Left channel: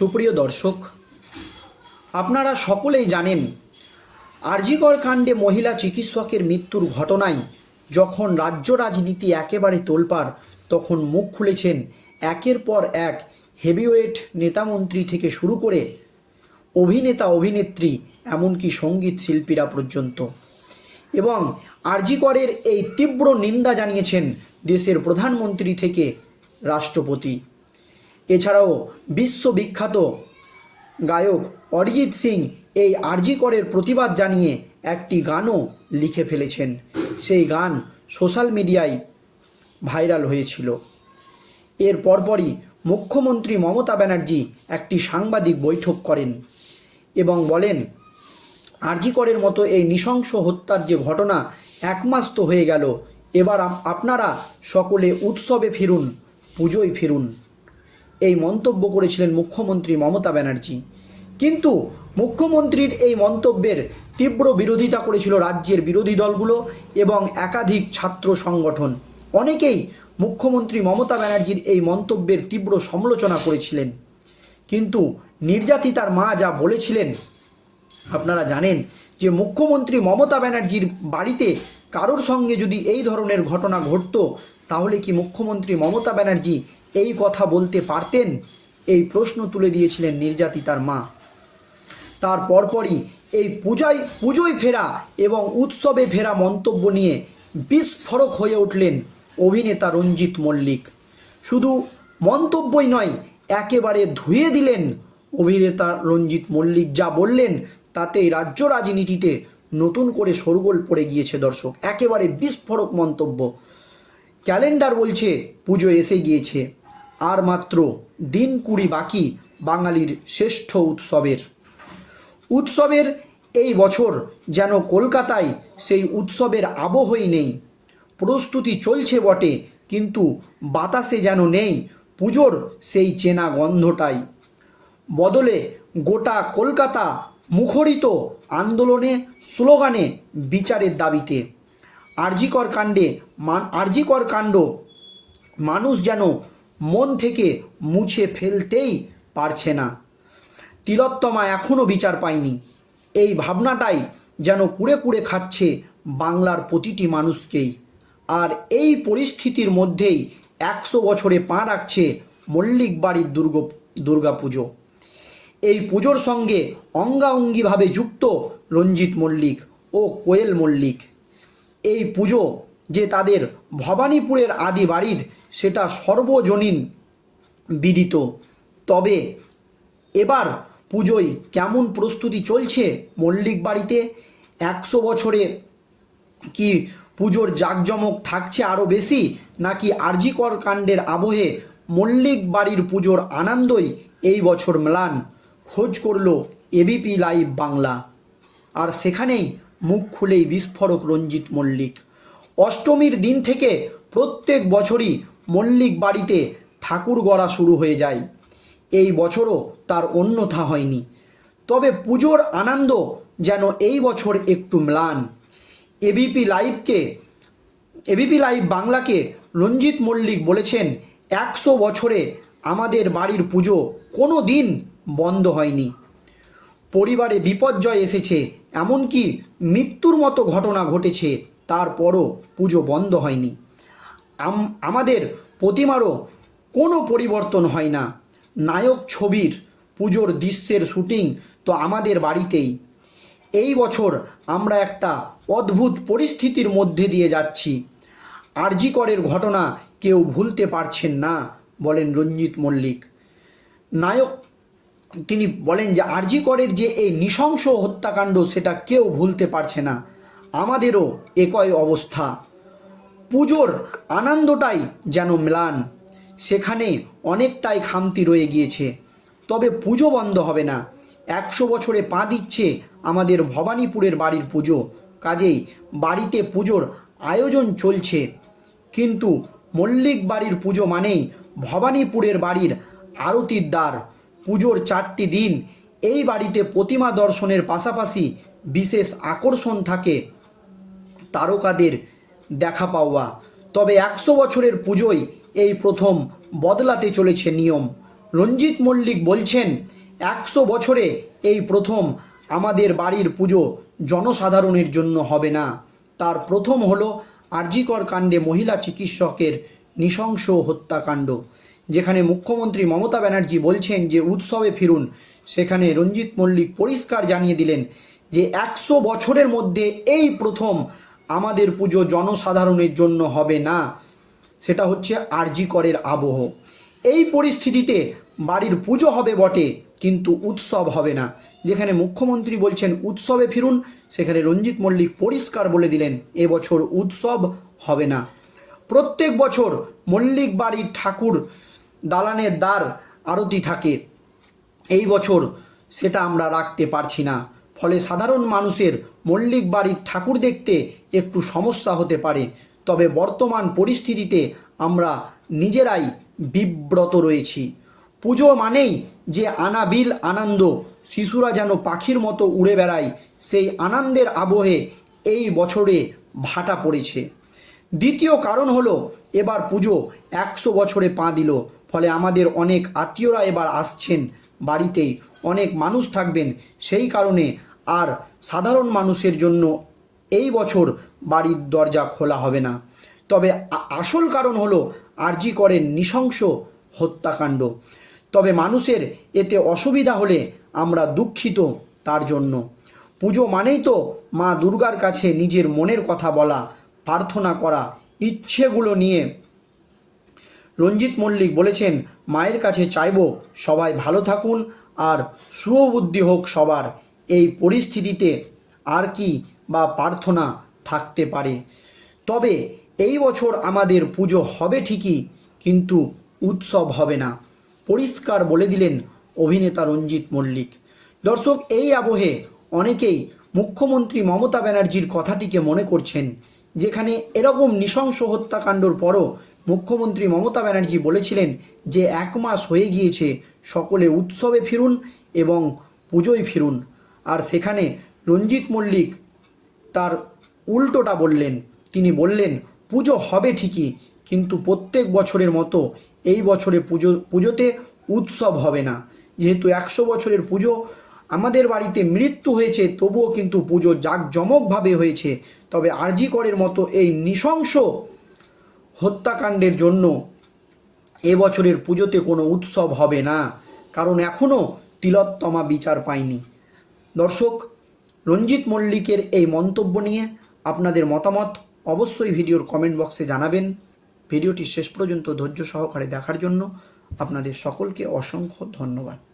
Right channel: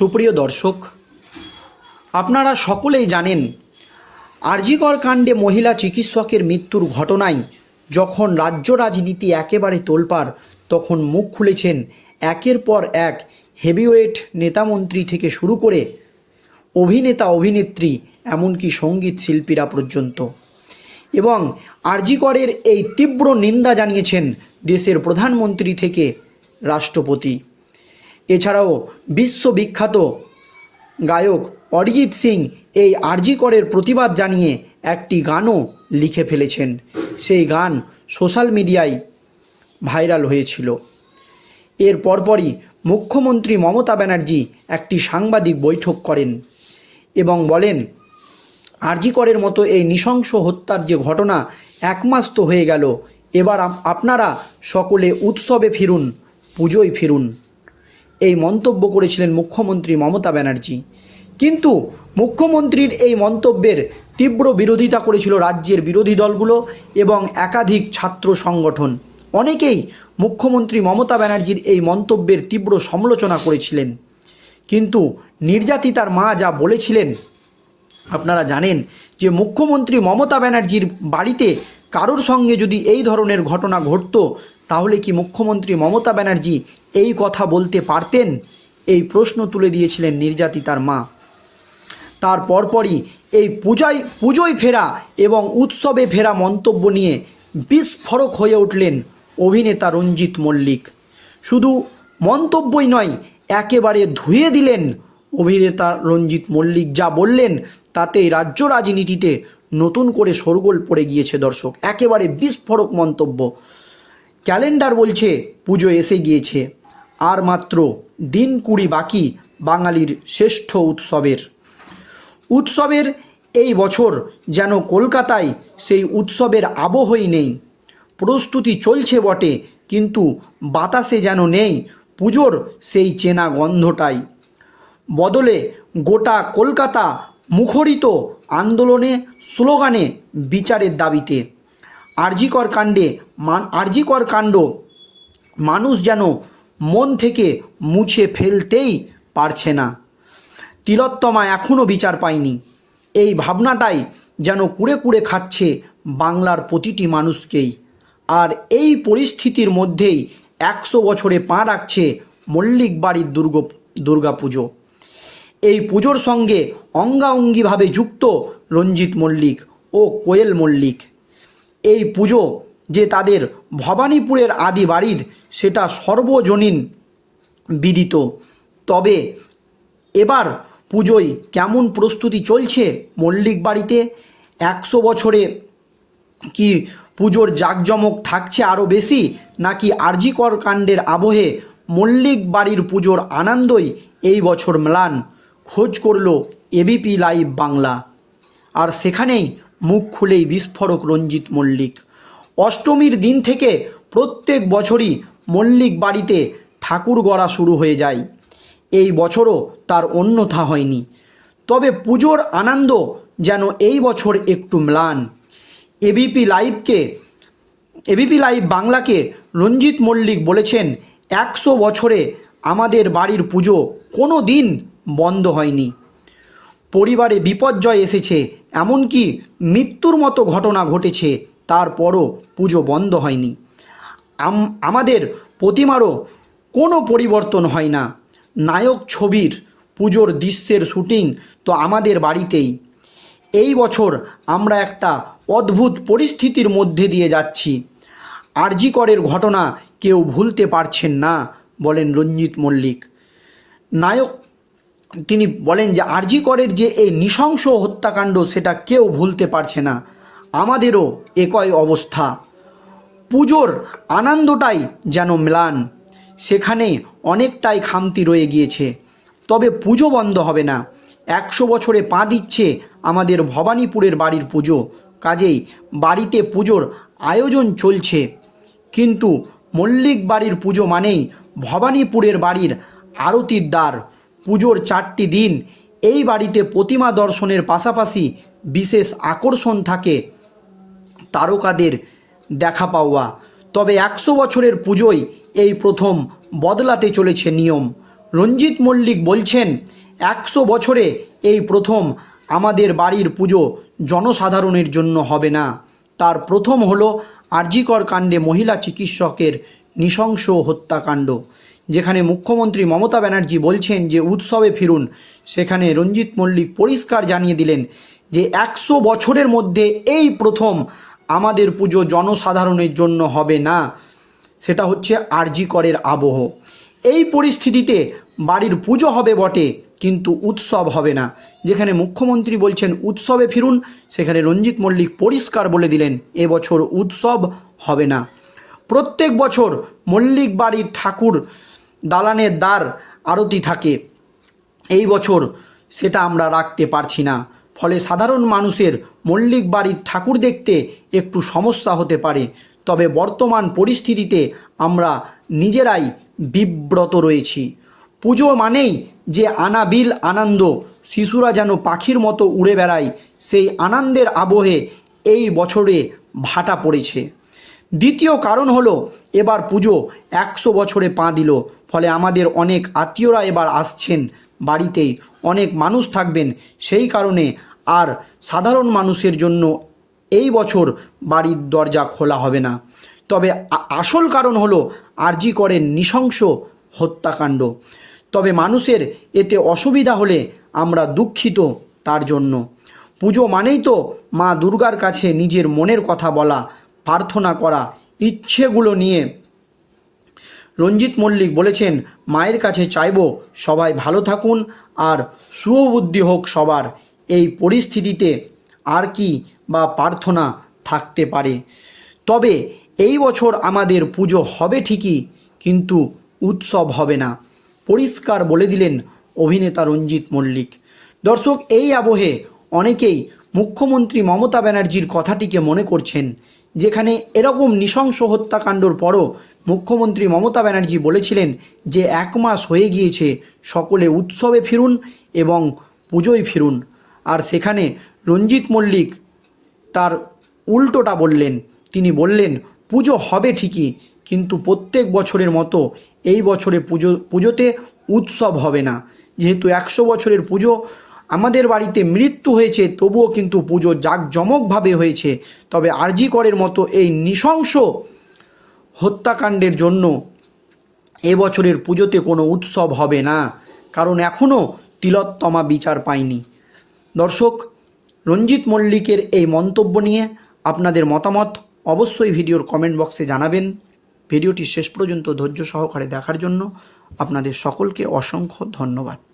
সুপ্রিয় দর্শক, আপনারা সকলেই জানেন, আরজিকর কাণ্ডে মহিলা চিকিৎসকের মৃত্যুর ঘটনায় যখন রাজ্য রাজনীতি একেবারে তোলপাড়, তখন মুখ খুলেছেন একের পর এক হেভিওয়েট নেতামন্ত্রী থেকে শুরু করে অভিনেতা, অভিনেত্রী, এমনকি সংগীত শিল্পীরা পর্যন্ত। এবং আরজিকরের এই তীব্র নিন্দা জানিয়েছেন দেশের প্রধানমন্ত্রী থেকে রাষ্ট্রপতি। এছাড়াও বিশ্ববিখ্যাত গায়ক অরিজিৎ সিং এই আরজি করের প্রতিবাদ জানিয়ে একটি গানও লিখে ফেলেছেন। সেই গান সোশ্যাল মিডিয়ায় ভাইরাল হয়েছিল। এর পরপরই মুখ্যমন্ত্রী মমতা ব্যানার্জি একটি সাংবাদিক বৈঠক করেন এবং বলেন, আরজি করের মতো এই নৃশংস হত্যার যে ঘটনা এক মাস তো হয়ে গেল, এবার আপনারা সকলে উৎসবে ফিরুন, পুজোয় ফিরুন। এই মন্তব্য করেছিলেন মুখ্যমন্ত্রী মমতা ব্যানার্জি। কিন্তু মুখ্যমন্ত্রীর এই মন্তব্যের তীব্র বিরোধিতা করেছিল রাজ্যের বিরোধী দলগুলো এবং একাধিক ছাত্র সংগঠন। অনেকেই মুখ্যমন্ত্রী মমতা ব্যানার্জির এই মন্তব্যের তীব্র সমালোচনা করেছিলেন। কিন্তু নির্যাতিতার মা যা বলেছিলেন, আপনারা জানেন যে মুখ্যমন্ত্রী মমতা ব্যানার্জির বাড়িতে কারোর সঙ্গে যদি এই ধরনের ঘটনা ঘটতো তাহলে কি মুখ্যমন্ত্রী মমতা ব্যানার্জি এই কথা বলতে পারতেন? এই প্রশ্ন তুলে দিয়েছিলেন নির্যাতিতার মা। তার পরপরই এই পূজায়, পুজোয় ফেরা এবং উৎসবে ফেরা মন্তব্য নিয়ে বিস্ফোরক হয়ে উঠলেন অভিনেতা রঞ্জিত মল্লিক। শুধু মন্তব্যই নয়, একেবারে ধুয়ে দিলেন অভিনেতা রঞ্জিত মল্লিক। যা বললেন তাতে রাজ্য রাজনীতিতে নতুন করে শোরগোল পড়ে গিয়েছে দর্শক। একেবারে বিস্ফোরক মন্তব্য। ক্যালেন্ডার বলছে, পুজো এসে গিয়েছে। আর মাত্র দিন কুড়ি বাকি বাঙালির শ্রেষ্ঠ উৎসবের। উৎসবের এই বছর যেন কলকাতায় সেই উৎসবের আবহই নেই। প্রস্তুতি চলছে বটে, কিন্তু বাতাসে যেন নেই পুজোর সেই চেনা গন্ধটাই। বদলে গোটা কলকাতা মুখরিত আন্দোলনে, স্লোগানে, বিচারের দাবিতে। আরজিকর কাণ্ডে আরজিকর কাণ্ড। মানুষ যেন মন থেকে মুছে ফেলতেই পারছে না। তিলোত্তমা এখনও বিচার পায়নি। এই ভাবনাটাই যেন কুড়ে কুড়ে খাচ্ছে বাংলার প্রতিটি মানুষকেই। আর এই পরিস্থিতির মধ্যেই একশো বছরে পা রাখছে মল্লিক বাড়ির দুর্গ দুর্গা পুজো এই পুজোর সঙ্গে অঙ্গাঙ্গিভাবে যুক্ত রঞ্জিত মল্লিক ও কোয়েল মল্লিক। এই পুজো যে তাদের ভবানীপুরের আদি বাড়ির সেটা সর্বজনীন বিদিত। তবে এবার পুজোয় কেমন প্রস্তুতি চলছে মল্লিক বাড়িতে? একশো বছরে কি পুজোর জাঁকজমক থাকছে আরও বেশি, নাকি আরজিকর কাণ্ডের আবহে মল্লিক বাড়ির পুজোর আনন্দই এই বছর ম্লান? খোঁজ করল এবিপি লাইভ বাংলা। আর সেখানেই মুখ খুলেই বিস্ফোরক রঞ্জিত মল্লিক। অষ্টমীর দিন থেকে প্রত্যেক বছরই মল্লিক বাড়িতে ঠাকুর গড়া শুরু হয়ে যায়। এই বছরও তার অন্যথা হয়নি। তবে পুজোর আনন্দ যেন এই বছর একটু ম্লান। এবিপি লাইভকে এবিপি লাইভ বাংলাকে রঞ্জিত মল্লিক বলেছেন, একশো বছরে আমাদের বাড়ির পুজো কোনো দিন বন্ধ হয়নি। পরিবারে বিপর্যয় এসেছে এমনকি মৃত্যুর মতো ঘটনা ঘটেছে, তারপরও পুজো বন্ধ হয়নি। আমাদের প্রতিমারও কোনো পরিবর্তন হয় না। নায়ক ছবির, পুজোর দৃশ্যের শুটিং তো আমাদের বাড়িতেই। এই বছর আমরা একটা অদ্ভুত পরিস্থিতির মধ্যে দিয়ে যাচ্ছি। আরজিকরের ঘটনা কেউ ভুলতে পারছেন না, বলেন রঞ্জিত মল্লিক। নায়ক তিনি বলেন যে আরজিকরের যে এই নৃশংস হত্যাকাণ্ড সেটা কেউ ভুলতে পারছে না। আমাদেরও একই অবস্থা। পুজোর আনন্দটাই যেন ম্লান, সেখানে অনেকটাই খামতি রয়ে গিয়েছে। তবে পুজো বন্ধ হবে না। একশো বছরে পা দিচ্ছে আমাদের ভবানীপুরের বাড়ির পুজো। কাজেই বাড়িতে পুজোর আয়োজন চলছে। কিন্তু মল্লিক বাড়ির পুজো মানেই ভবানীপুরের বাড়ির আরতির দ্বার। পুজোর চারটি দিন এই বাড়িতে প্রতিমা দর্শনের পাশাপাশি বিশেষ আকর্ষণ থাকে তারকাদের দেখা পাওয়া। তবে একশো বছরের পুজোয় এই প্রথম বদলাতে চলেছে নিয়ম। রঞ্জিত মল্লিক বলছেন, একশো বছরে এই প্রথম আমাদের বাড়ির পুজো জনসাধারণের জন্য হবে না। তার প্রথম হলো আরজিকর কাণ্ডে মহিলা চিকিৎসকের নৃশংস হত্যাকাণ্ড। যেখানে মুখ্যমন্ত্রী মমতা ব্যানার্জি বলছেন যে উৎসবে ফিরুন, সেখানে রঞ্জিত মল্লিক পরিষ্কার জানিয়ে দিলেন যে একশো বছরের মধ্যে এই প্রথম আমাদের পুজো জনসাধারণের জন্য হবে না। সেটা হচ্ছে আরজি করের আবহ। এই পরিস্থিতিতে বাড়ির পুজো হবে বটে, কিন্তু উৎসব হবে না। যেখানে মুখ্যমন্ত্রী বলছেন উৎসবে ফিরুন, সেখানে রঞ্জিত মল্লিক পরিষ্কার বলে দিলেন এবছর উৎসব হবে না। প্রত্যেক বছর মল্লিক বাড়ির ঠাকুর দালানের দ্বার আরতি থাকে। এই বছর সেটা আমরা রাখতে পারছি না। ফলে সাধারণ মানুষের মল্লিক বাড়ির ঠাকুর দেখতে একটু সমস্যা হতে পারে। তবে বর্তমান পরিস্থিতিতে আমরা নিজেরাই বিব্রত রয়েছি। পুজো মানেই যে আনাবিল আনন্দ, শিশুরা যেন পাখির মতো উড়ে বেড়ায়, সেই আনন্দের আবহে এই বছরে ভাটা পড়েছে। দ্বিতীয় কারণ হলো, এবার পুজো একশো বছরে পা দিল। ফলে আমাদের অনেক আত্মীয়রা এবার আসছেন বাড়িতেই অনেক মানুষ থাকবেন। সেই কারণে আর সাধারণ মানুষের জন্য এই বছর বাড়ির দরজা খোলা হবে না। তবে আসল কারণ হলো আরজি করেন নৃশংস হত্যাকাণ্ড। তবে মানুষের এতে অসুবিধা হলে আমরা দুঃখিত তার জন্য। পুজো মানেই তো মা দুর্গার কাছে নিজের মনের কথা বলা, প্রার্থনা করা, ইচ্ছেগুলো নিয়ে রঞ্জিত মল্লিক বলেছেন, মায়ের কাছে চাইব সবাই ভালো থাকুন আর শুভবুদ্ধি হোক সবার। এই পরিস্থিতিতে আর কি বা প্রার্থনা থাকতে পারে। তবে এই বছর আমাদের পুজো হবে ঠিকই, কিন্তু উৎসব হবে না। পরিষ্কার বলে দিলেন অভিনেতা রঞ্জিত মল্লিক। দর্শক, এই আবহে অনেকেই মুখ্যমন্ত্রী মমতা ব্যানার্জির কথাটিকে মনে করছেন, যেখানে এরকম নৃশংস হত্যাকাণ্ডর পরও মুখ্যমন্ত্রী মমতা ব্যানার্জি বলেছিলেন যে এক মাস হয়ে গিয়েছে, সকলে উৎসবে ফিরুন এবং পুজোয় ফিরুন। আর সেখানে রঞ্জিত মল্লিক তার উল্টোটা বললেন। তিনি বললেন, পুজো হবে ঠিকই, কিন্তু প্রত্যেক বছরের মতো এই বছরে পুজো, পুজোতে উৎসব হবে না। যেহেতু একশো বছরের পুজো, আমাদের বাড়িতে মৃত্যু হয়েছে, তবুও কিন্তু পুজো জাঁকজমকভাবে হয়েছে। তবে আরজি করের মতো এই নৃশংস হত্যাকাণ্ডের জন্য এবছরের পুজোতে কোনো উৎসব হবে না। কারণ এখনও তিলোত্তমা বিচার পায়নি। দর্শক, রঞ্জিত মল্লিকের এই মন্তব্য নিয়ে আপনাদের মতামত অবশ্যই ভিডিওর কমেন্ট বক্সে জানাবেন। ভিডিওটি শেষ পর্যন্ত ধৈর্য সহকারে দেখার জন্য আপনাদের সকলকে অসংখ্য ধন্যবাদ।